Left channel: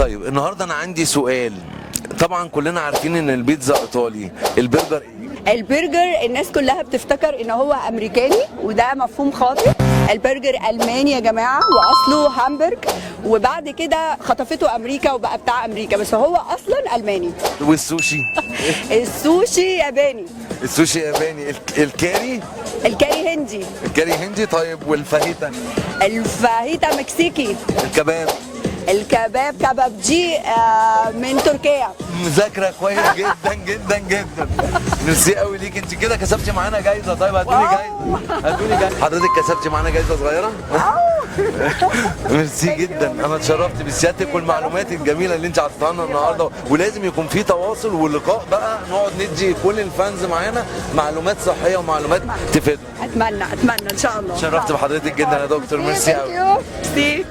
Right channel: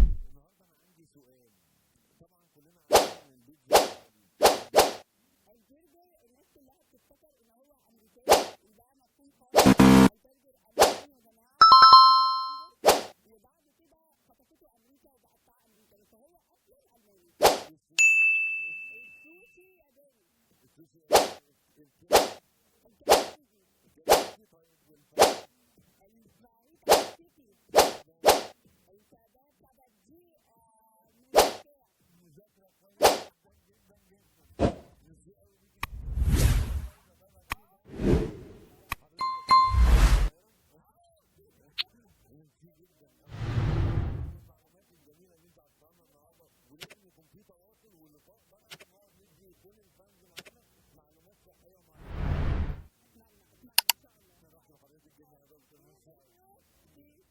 طيب النهارده انا عندي سؤال. طبعا كلنا عارفين ان البيتزا ايطالي، البرجر ايه؟ البرجر الناس كلها بتفتكر ان هو امريكاني، وده مفهوم خاطئ. البرجر الماني يا جماعه، واصله هامبرج، وبعد كده خطفته امريكا وبقى بتاع امريكا، بس هو اصلا الماني. والسوشي؟ السوشي ياباني. السوشي ياباني. الكاري؟ الكاري هندي. الكاري هندي. طيب والفاهيتا؟ الفاهيتا مكسيكي. الكباب؟ الكباب كبابجي من تركيا. مذاكره كويس جدا جدا جدا. ميرسي قوي ليك، انت كده كسبتي معانا جايزه. طيب هاتولي جايزه، هاتولي جايزه. حضرتك كسبتي معانا جايزه صغيره. ميرسي جدا، انا اتشرفت بسيادتك والمعلومات الجميله اللي انت عطيتها لنا النهارده. ولازم يكون في تواصل ولقاء بقى، نقعد ندي كل الفانز معانا معلومات صحيه ومعلومات تفيد. اتمنى ان شاء الله. اتشرفت بحضرتك جدا يا دكتور، ميرسي قوي. ميرسي.